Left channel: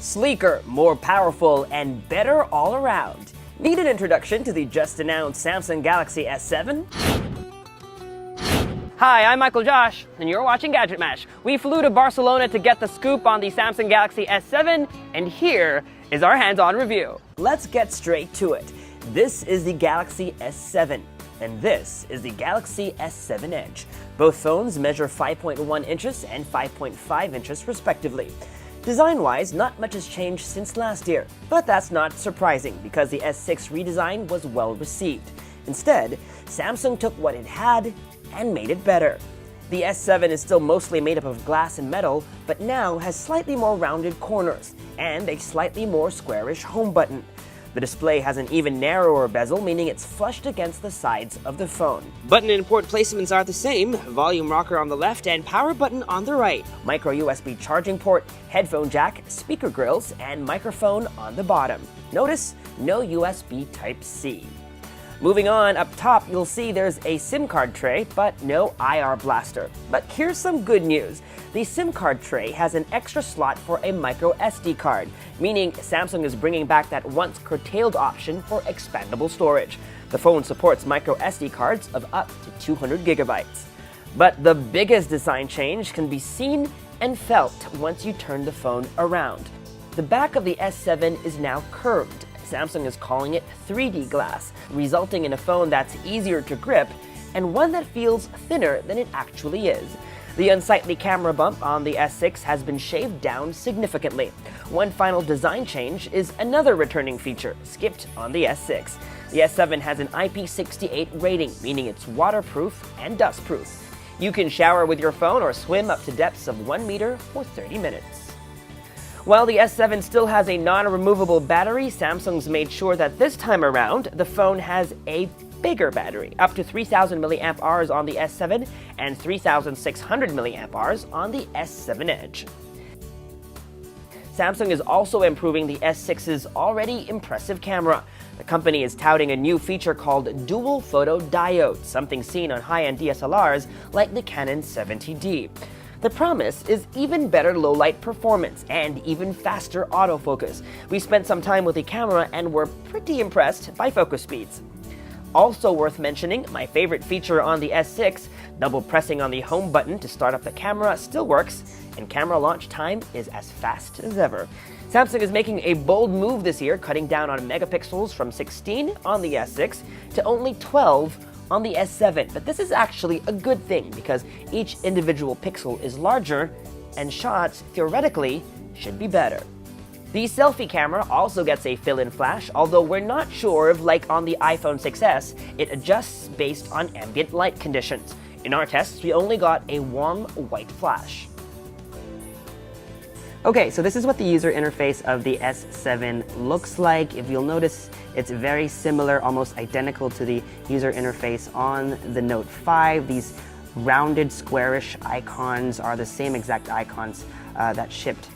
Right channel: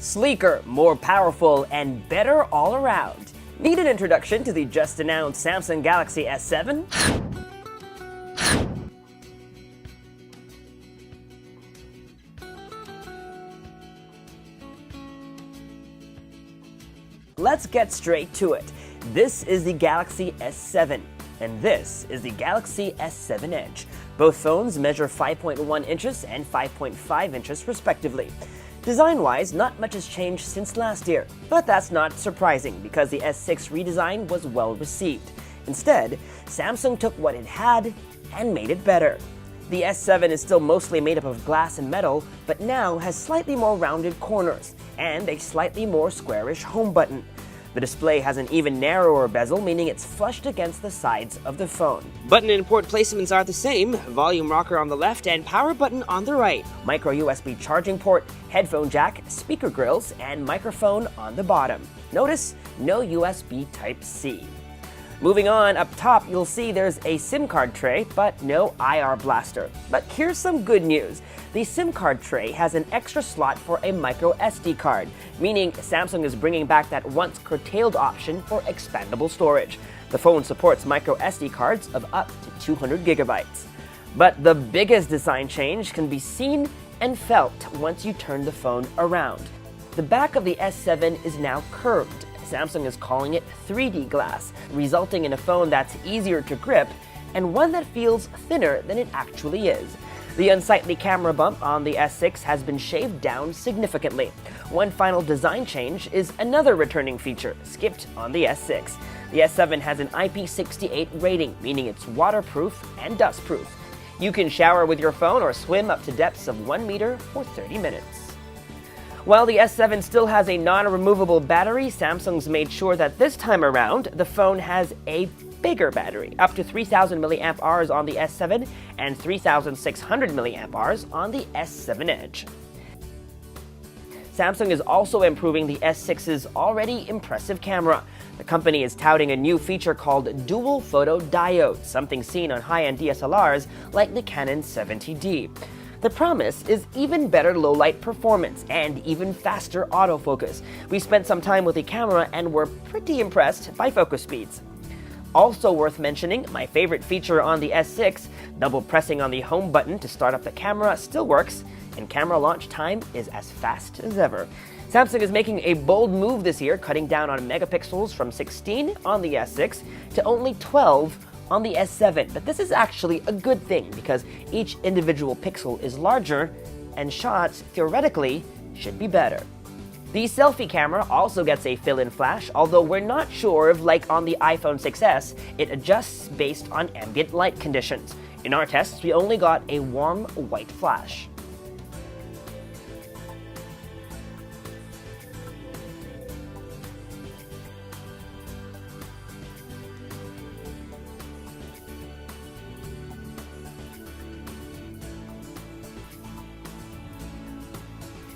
Sleeker, more powerful, and better all around. Need an introduction to the just announced Samsung Galaxy S7? Hi, I'm Michael Josh, and you're watching Gadget Mash. We flew to Barcelona to get the scoop on the Samsung Galaxy S7, and here is our hands-on review. Let's get straight to it. This is the Galaxy S7, and this is the Galaxy S7 Edge. Both phones measure 5.1 inches and 5.5 inches respectively. Design-wise, not much has changed since last year, but that's not surprising because the S6 redesign was well received. Instead, Samsung took what it had and made it better. The S7 is still mostly made up of glass and metal, but now has slightly more rounded corners and a slightly more squarish home button. The display has an even narrower bezel, meaning it's flushed against the sides of the phone. Button and port placements are the same, volume rocker on the left and power button on the right. Micro USB charging port, headphone jack, speaker grills, and microphone on the bottom. Notice, no USB Type-C. Moving on, up top, you'll see there's a SIM card tray, but no IR blaster. But here's some good news. The SIM card tray has an extra slot for a micro SD card, meaning Samsung is bringing back that once curtailed option for expandable storage. The phone supports micro SD cards of up to 200 gigabytes. But the biggest design change can be seen and felt once you turn the phone around. The back of the S7 is now curved. Samsung is calling it 3D glass, resulting in a phone that's easier to grip and one that feels thinner than it actually is. The unsightly camera bump on the S6 has been shaved down significantly. One final design change is another returning feature, skipped on the S6. The S7 has an IP68 rating, meaning it's waterproof and dustproof. You can shower with your phone or swim up to depths of 1 meter for 30 minutes. While the S7 still has a non-removable battery, Samsung's made sure that this time around, the phone has a bigger battery, up to 3,000 mAh on the S7 and 3,600 mAh on the S7 Edge. Samsung is also improving the S6's already impressive camera. The company is touting a new feature called Dual Photo Diode, something seen on high-end DSLRs like the Canon 70D. The promise is even better low-light performance and even faster autofocus. We spent some time with the camera and were pretty impressed by focus speeds. Also worth mentioning, my favorite feature on the S6, double pressing on the home button to start up the camera still works, and camera launch time is as fast as ever. Samsung is making a bold move this year, cutting down on megapixels from 16 on the S6 to only 12 on the S7, but this is actually a good thing because each individual pixel is larger and shots, theoretically, should be better. The selfie camera also gets a fill-in flash, although we're not sure if, like on the iPhone 6s, it adjusts based on ambient light conditions. In our tests, we only got a warm white flash. Okay, so this is what the user interface of the S7 looks like. If you'll notice, it's very similar, almost identical to the user interface on the Note 5. These rounded, squarish icons are the same exact icons that shipped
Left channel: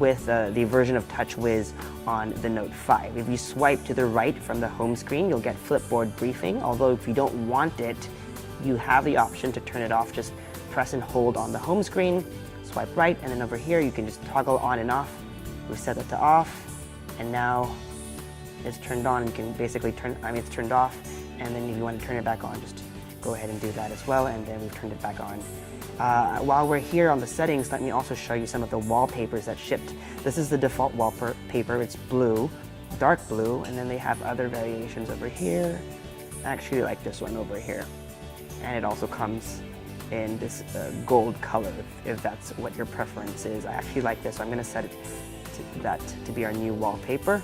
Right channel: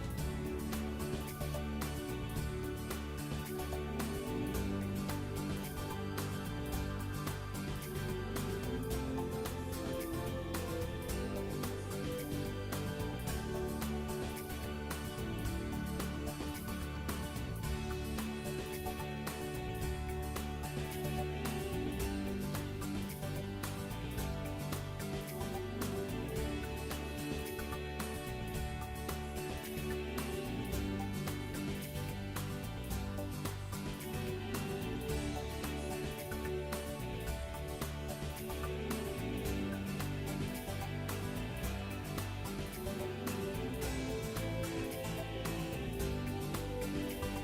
with the version of TouchWiz on the Note 5. If you swipe to the right from the home screen, you'll get Flipboard Briefing, although if you don't want it, you have the option to turn it off. Just press and hold on the home screen, swipe right, and then over here you can just toggle on and off. We set it to off, and now it's turned on. You can basically it's turned off, and then if you want to turn it back on, just go ahead and do that as well, and then we've turned it back on. While we're here on the settings, let me also show you some of the wallpapers that shipped. This is the default wallpaper. It's blue, dark blue, and then they have other variations over here. I actually like this one over here, and it also comes in this gold color, if that's what your preference is. I actually like this, so I'm going to set it to be our new wallpaper.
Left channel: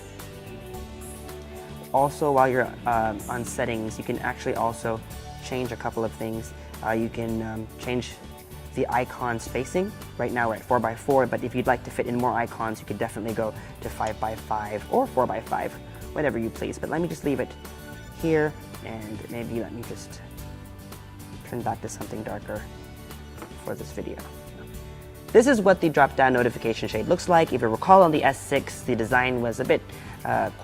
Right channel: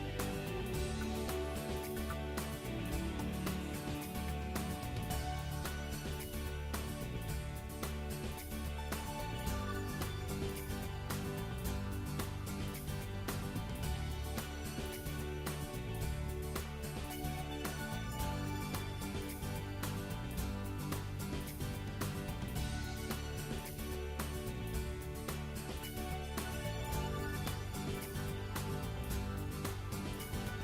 Also, while you're on settings, you can actually also change a couple of things. You can change the icon spacing. Right now we're at 4x4, but if you'd like to fit in more icons, you could definitely go to 5x5 or 4x5, whatever you please. But let me just leave it here, and maybe let me just turn back to something darker for this video. This is what the drop-down notification shade looks like. If you recall, on the S6, the design was a bit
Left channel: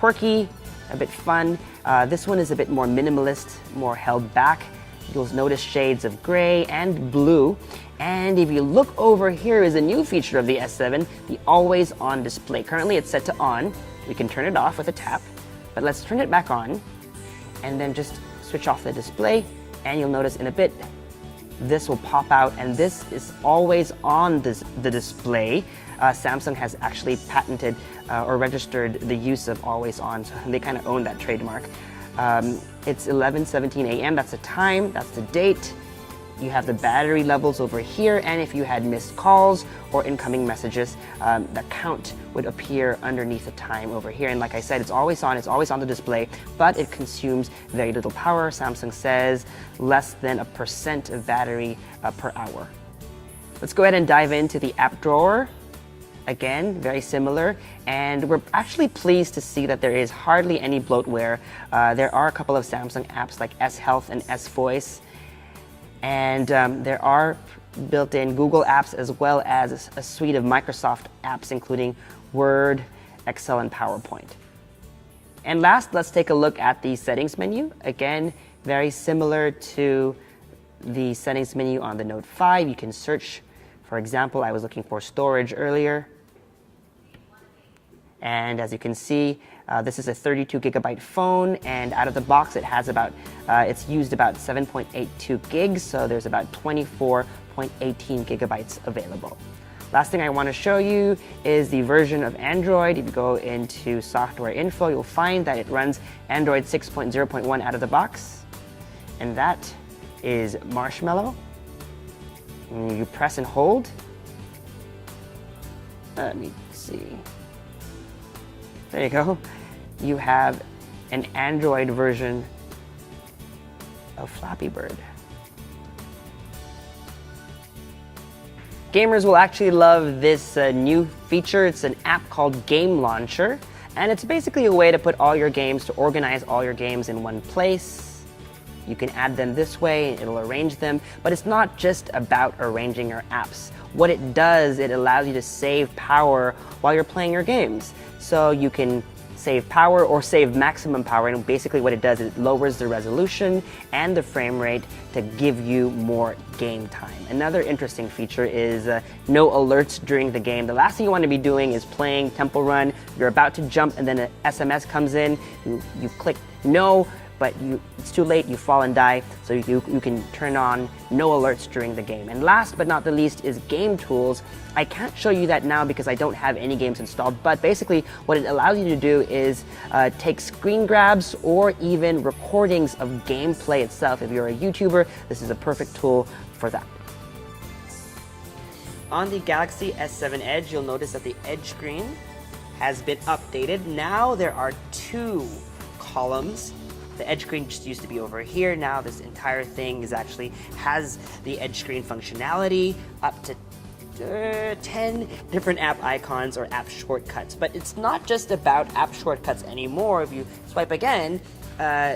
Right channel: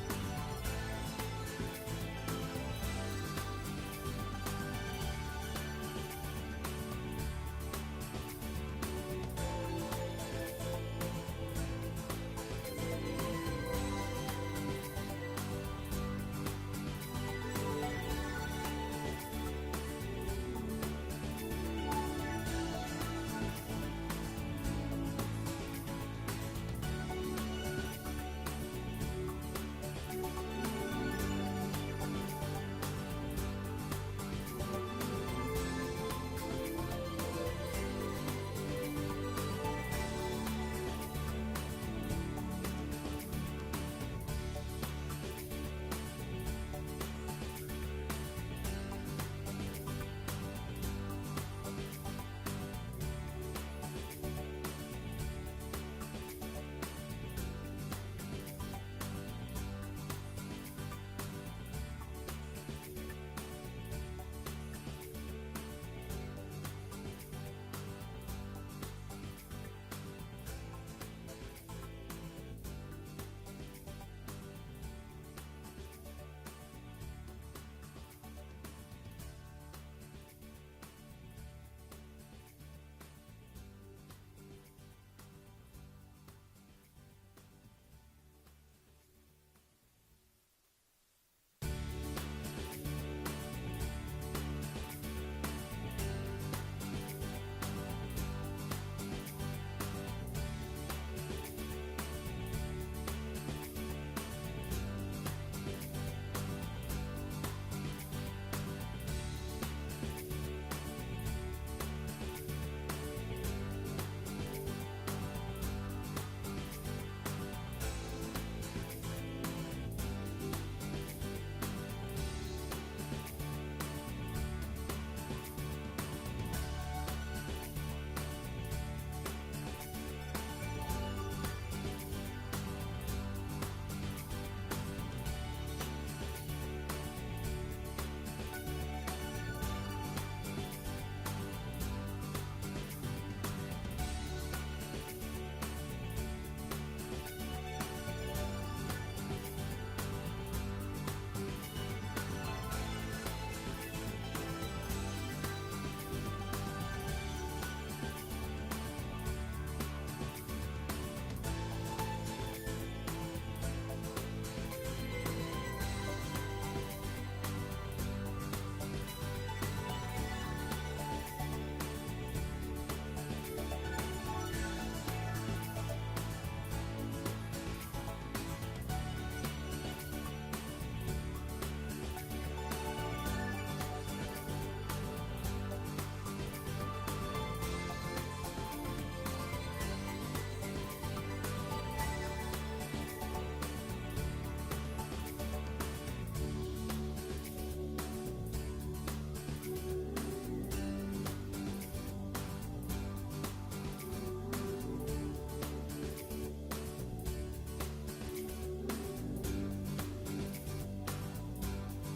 quirky, a bit fun. This one is a bit more minimalist, more held back. You'll notice shades of gray and blue. And if you look over here is a new feature of the S7, the always on display. Currently it's set to on. We can turn it off with a tap, but let's turn it back on and then just switch off the display, and you'll notice in a bit this will pop out, and this is always on the display. Samsung has actually patented or registered the use of always on, so they kind of own that trademark. It's 11:17 a.m. That's the time, that's the date. You have the battery levels over here, and if you had missed calls or incoming messages, the count would appear underneath the time over here. And like I said, it's always on the display, but it consumes very little power. Samsung says less than 1% of battery per hour. Let's go ahead and dive into the app drawer. Again, very similar, and we're actually pleased to see that there is hardly any bloatware. There are a couple of Samsung apps like S Health and S Voice, and there are built-in Google apps as well as a suite of Microsoft apps, including Word, Excel, and PowerPoint. And last, let's take a look at the settings menu. Again, very similar to the settings menu on the Note 5. You can search. For example, I was looking for storage earlier. And as you can see, this is a 32 gigabyte phone, and out of the box it has it's used about 7.82 gigs, so there's about 24.18 gigabytes available. Last thing I want to show you is the version of Android. If you go into software info, you'll find that it runs Android 6.0.1 out of the box, and that is Marshmallow. And you press and hold. Let me see. There you go. You have an Android version of Flappy Bird. Gamers will actually love this new feature. It's an app called Game Launcher, and it's basically a way to put all your games, to organize all your games in one place. You can add them this way, it'll arrange them, but it's not just about arranging your apps. What it does, it allows you to save power while you're playing your games. So you can save power or save maximum power, and basically what it does is it lowers the resolution and the frame rate to give you more game time. Another interesting feature is no alerts during the game. The last thing you want to be doing is playing Temple Run, you're about to jump and then an SMS comes in, you click no, but it's too late, you fall and die, so you can turn on no alerts during the game. And last but not the least is Game Tools. I can't show you that now because I don't have any games installed, but basically what it allows you to do is take screen grabs or even recordings of gameplay itself. If you're a YouTuber, this is a perfect tool for that. On the Galaxy S7 Edge, you'll notice that the Edge screen has been updated. Now there are 2 columns. The Edge screen just used to be over here. Now this entire thing has the Edge screen functionality, up to 10 different app icons or app shortcuts. But it's not just about app shortcuts anymore. If you swipe again,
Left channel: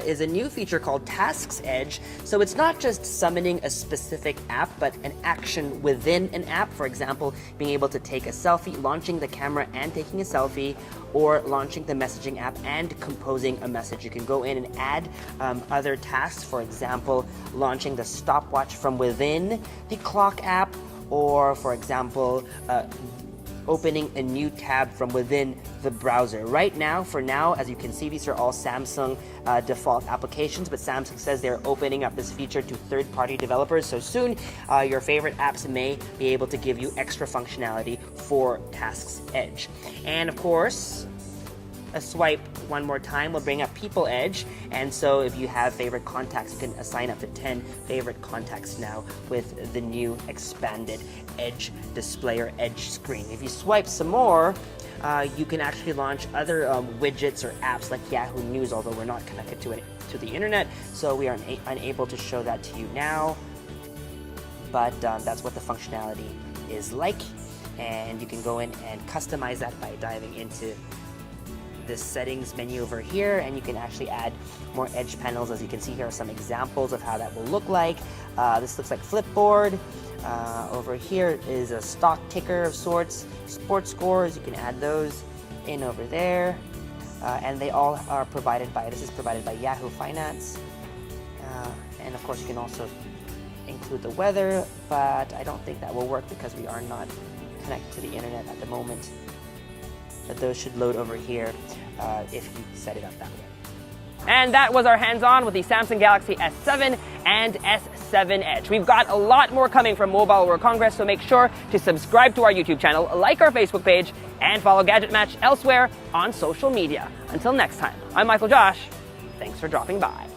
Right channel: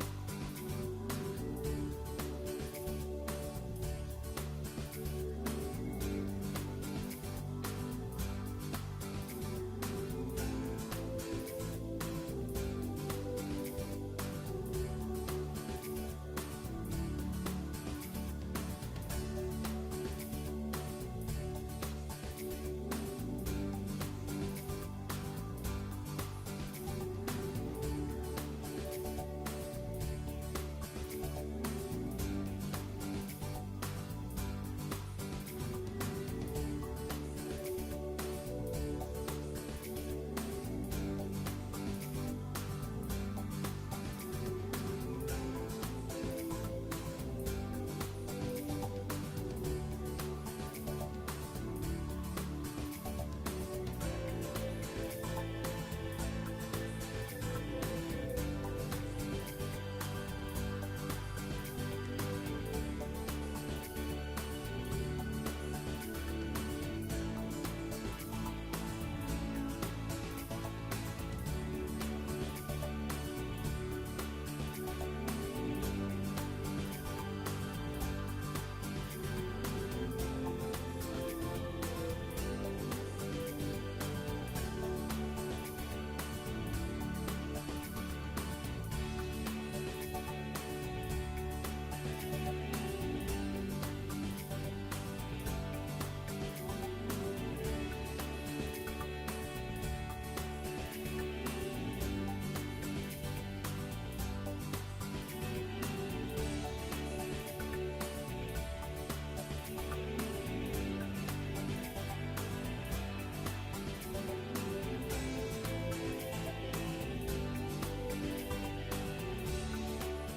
is a new feature called Tasks Edge. So it's not just summoning a specific app, but an action within an app. For example, being able to take a selfie, launching the camera and taking a selfie, or launching the messaging app and composing a message. You can go in and add other tasks. For example, launching the stopwatch from within the clock app, or for example, opening a new tab from within the browser. Right now, for now, as you can see, these are all Samsung default applications, but Samsung says they're opening up this feature to third-party developers, so soon your favorite apps may be able to give you extra functionality for Tasks Edge. And of course, a swipe one more time will bring up People Edge, and so if you have favorite contacts, you can assign up to 10 favorite contacts now with the new expanded Edge display or Edge screen. If you swipe some more, you can actually launch other widgets or apps like Yahoo News, although we're not connected to the internet, so we are unable to show that to you now, but that's what the functionality is like, and you can go in and customize that by diving into this settings menu over here, and you can actually add more Edge panels. As you can see, here are some examples of how that will look like. This looks like Flipboard. Over here is a stock ticker of sorts. Sports scores, you can add those in over there. And they all are provided by, this is provided by Yahoo Finance. And And of course, you can also include the weather, but I don't think that will work because we are not connected to the internet at the moment. But those should load over here if you set it up that way. And that was our hands-on with the Samsung Galaxy S7 and S7 Edge. We've got a lot more coming from Mobile World Congress, so make sure to subscribe to our YouTube channel, like our Facebook page, and follow Gadget Match elsewhere on social media. Until next time, I'm Michael Josh. Thanks for dropping by.